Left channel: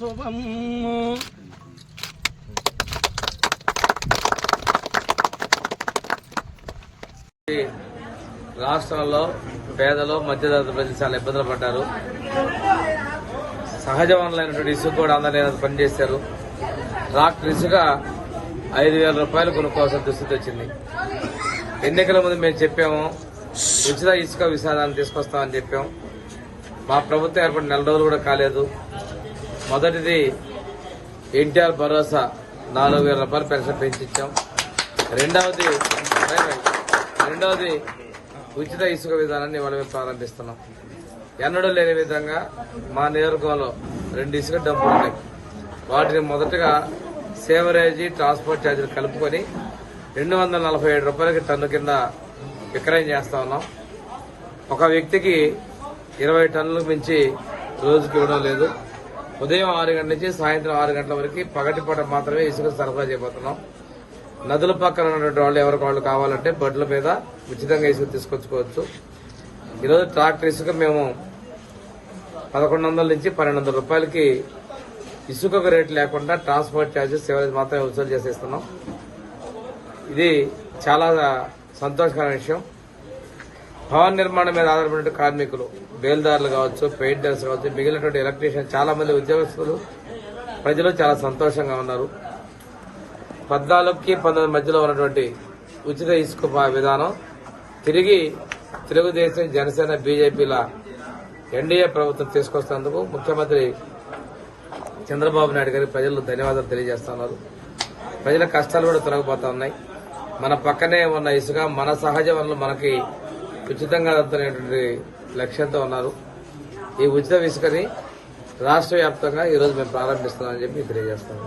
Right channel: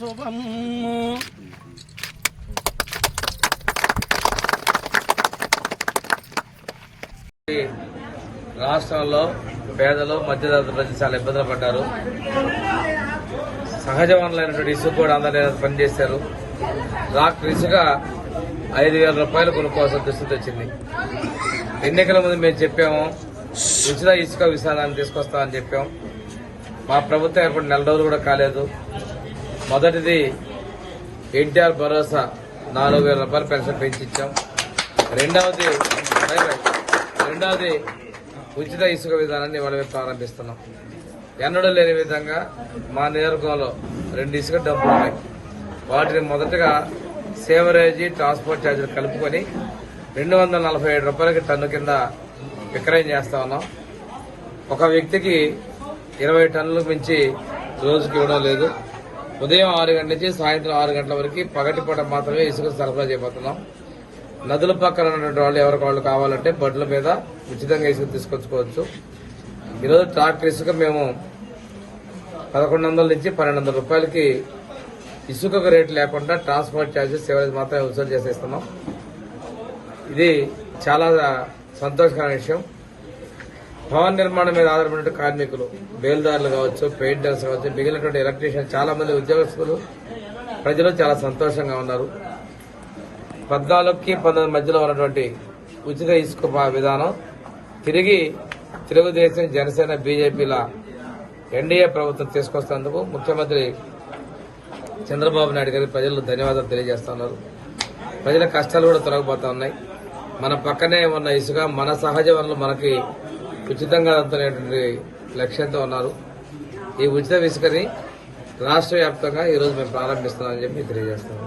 శుభం. రాష్ట్రంలో పేదలు మధ్యతరగతి ప్రజలు చాలా ఇబ్బందులు పడ్డారు. సహజ వనరులైనటువంటి ఇసుక కూడా అందరూ పనిచేశారు. డాక్టర్ ఇసుక ఐదు వేల రూపాయలు కొనుక్కోవాల్సిన దుస్థితి వచ్చింది. ఎన్నికల ముందు మేము చెప్పాము ఉచిత ఇసుక విధానాన్ని తీసుకొస్తామని చెప్పాం. మా ప్రభుత్వం ఏర్పడి నెల రోజులు కూడా కాలేదు. మొదటిది ఎన్టీఆర్ భరోసా నాలుగు వేల రూపాయలు పెన్షన్ పెంచిచ్చాం. రెండవది రెండవది ఉచిత ఇసుక విధానాన్ని ఇవాళ ప్రారంభిస్తున్నాం. ఎన్నడూ లేని విధంగా మా నియోజకవర్గంలో రెండు ఇసుక డబ్బులు ఉన్నాయి. వాటిని మొదటగా సేవరేజీ ట్రాన్స్పోర్ట్ ఛార్జీలు కలుపుకొని రెండు వందల నలభై ఏడు రూపాయలకి టన్ను కింద విక్రయం చేస్తా ఉన్నాం. ఒక వ్యక్తికి ఇరవై టన్నులకు మించి రోజుకి ఇవ్వడం లేదు. ఉదయం ఆరు గంటల నుంచి సాయంత్రం ఆరు గంటల వరకు పగటిపూట మాత్రమే ఇసుక సరఫరా చేయబోతున్నాం. నదుల పక్కన ఉన్నటువంటి వాళ్ళు ఎవరికి వాళ్ళు కావాలంటే బడ్ల మీద ఉచితంగా ఇసుక తీసుకొచ్చుకోవచ్చు. ఈరోజు ట్రాక్టర్ ఇసుక మేము పదకొండు వందల నుంచి పన్నెండు వందల రూపాయలకి ఇసుకకు రేటు లేకుండా ట్రాన్స్పోర్ట్ ఛార్జెస్ సేవలు మాత్రమే వసూలు చేసేస్తున్నాం. ఇది చాలా సంతోషకరమైన విషయం. భవన నిర్మాణం మీద ఆధారపడిన కార్మికులు బేల్దారులు కావచ్చు పెయింటర్స్ కావచ్చు మిగిలినటువంటి ఎలక్ట్రీషియన్ చాలా మంది ఉద్యోగస్తులు. ప్రజలు చాలా సంతోషంగా ఉన్నారు. పద్నాలుగుకి పంతొమ్మిది మధ్యలో ఉన్నటువంటి ఉచిత ఇసుక విధానం తిరిగి తెలుగుదేశం జనసేన బీజేపీల ఎన్డీఏ ప్రభుత్వం తీసుకొస్తున్నందుకు ముఖ్యమంత్రి చంద్రబాబు నాయుడు గారికి ప్రజలు ధన్యవాదాలు తెలియజేస్తున్నారు. ప్రజల కష్టాలు కూడా తొలగిపోతా ఉన్నాయి. మన పక్కనే ఉన్న ఇసుక మన సహజ వనరులు మనకి ఉచితంగా అందుతున్నటువంటి లక్ష్యంతో ఉన్నారు. ఈ ఉచిత ఇసుకని రాష్ట్ర వ్యాప్తంగా ఈరోజు మేము ప్రారంభిస్తున్నామని చెప్పి తెలియజేస్తున్నాం.